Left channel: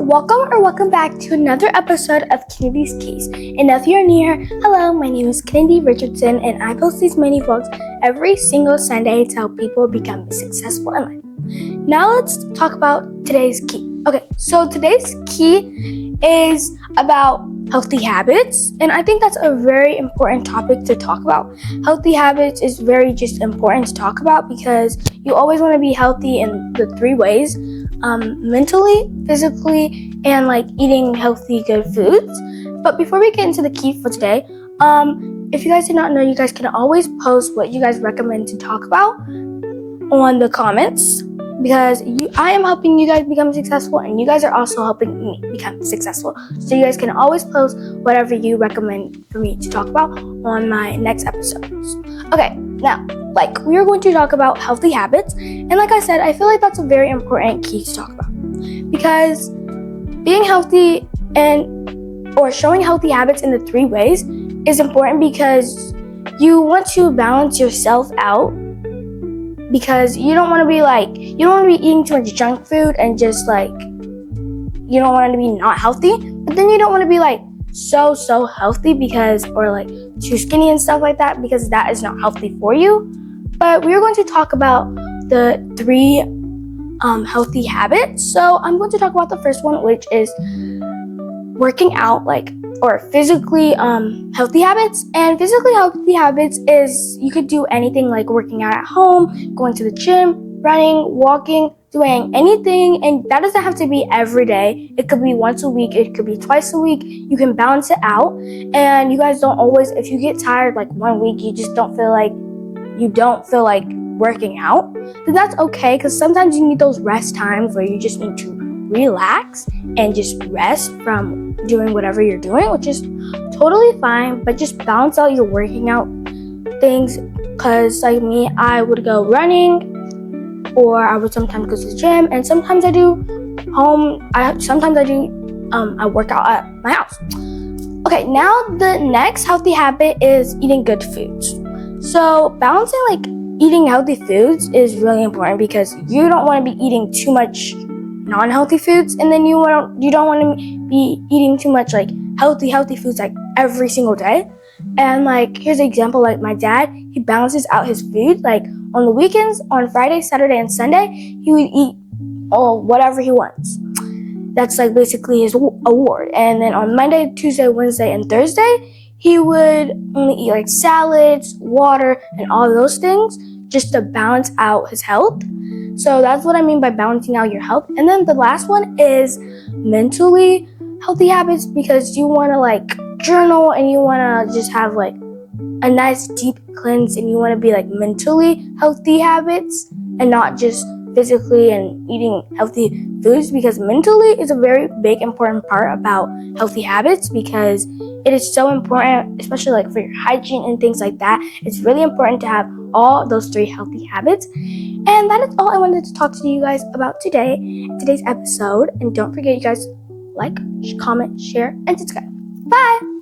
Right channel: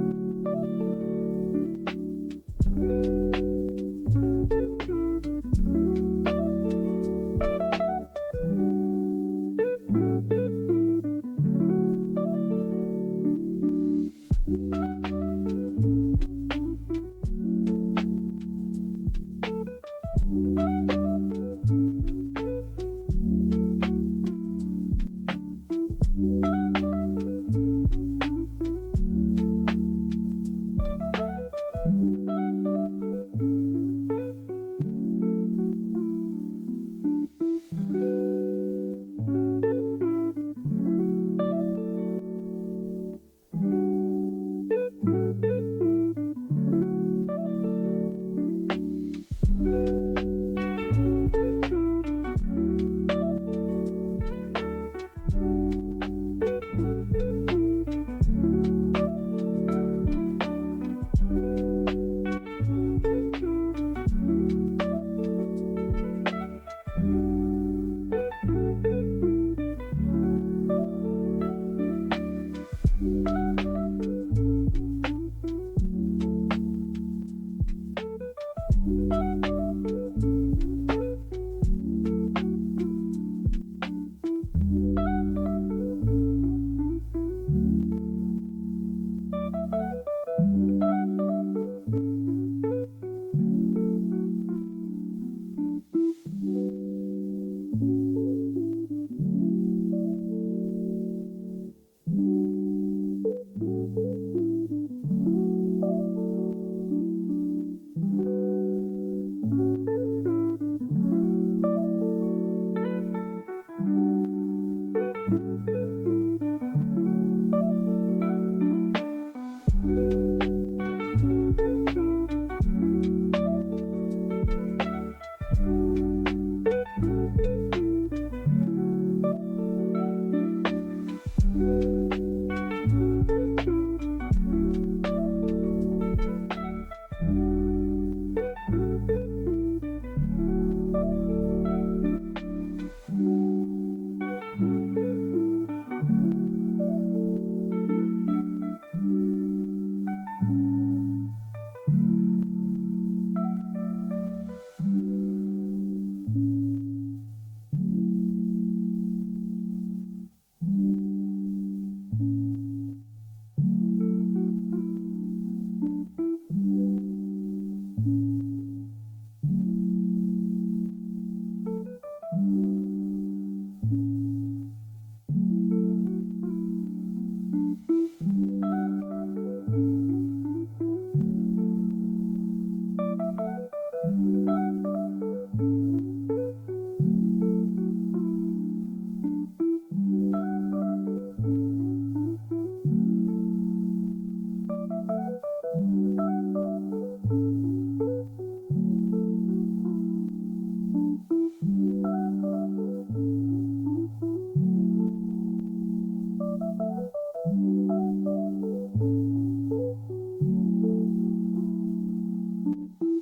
welcome back to another episode of Kennedy's Keys. And if you're new here, hello, my name is Kennedy Richardson, and I post these mini vlogs every single Sunday to help people become successful in life. Now let's talk about today's key. Okay, so today's key is about healthy habits, and I think that's a very important topic to talk about. Healthy habits is very just important to talk about because you always want to be healthy in the three ways: mentally, physically, and like eating healthy, good foods. But before we get into the key for today, if you guys did not know, you guys can always post what you guys recommend to talk about on the comments, because I am helping you guys become successful, and you guys are also helping me become successful. So you guys can always post whatever you recommend for me to talk about on my next episodes. Okay, now, we are going to talk about healthy habits, and like I said, I feel like that's a very important key to talk about, because being healthy or showing healthy habits in the three ways is important, because you want to balance yourself out, because you don't want to be eating too much junk food and just you don't want it to be not healthy, but then you don't want to be so healthy or too skinny and stuff like that, because that is not healthy for you. But we're going to talk about the three healthy habits. So I'm going to talk about the first one, which is working out, or physically healthy habits. And physically healthy habits is you could do anything, like working out at home, going to the gym, running, walking, doing anything, and that doesn't have to be every day. It could be once a week, it could be twice a week. You can balance it out, and you guys don't always, if you get tired 1 week, you just don't feel like working out, then that's okay, because sometimes you need those rest times where you just need to relax and just rest from doing whatever you're doing, which is totally fine. But just balance out your working out things, because me, I would go running, or I would sometimes go to the gym, and sometimes I do I work out at my house. Okay, now the next healthy habit is eating good foods. So balancing eating healthy foods is really important, because you don't want to be eating too much non-healthy foods, and then you don't want to be eating too much healthy foods every single day. And here's an example, my dad, he balances out his food. On the weekends, on Friday, Saturday, and Sunday, he would eat whatever he wants. That's basically his award. And then on Monday, Tuesday, Wednesday, and Thursday, he would only eat salads, water, and all of those things, just to balance out his health. So that's what I mean by balancing out your health. And then the last one is mentally healthy habits, because you want to journal, and you want to just have a nice deep cleanse, and you want to be mentally healthy habits and not just physically and eating healthy foods, because mentally is a very big important part about healthy habits, because it is so important, especially for your hygiene and things like that. It's really important to have all those three healthy habits. And that is all I wanted to talk to you guys about today's episode. And don't forget, you guys, comment, share, and subscribe. Bye!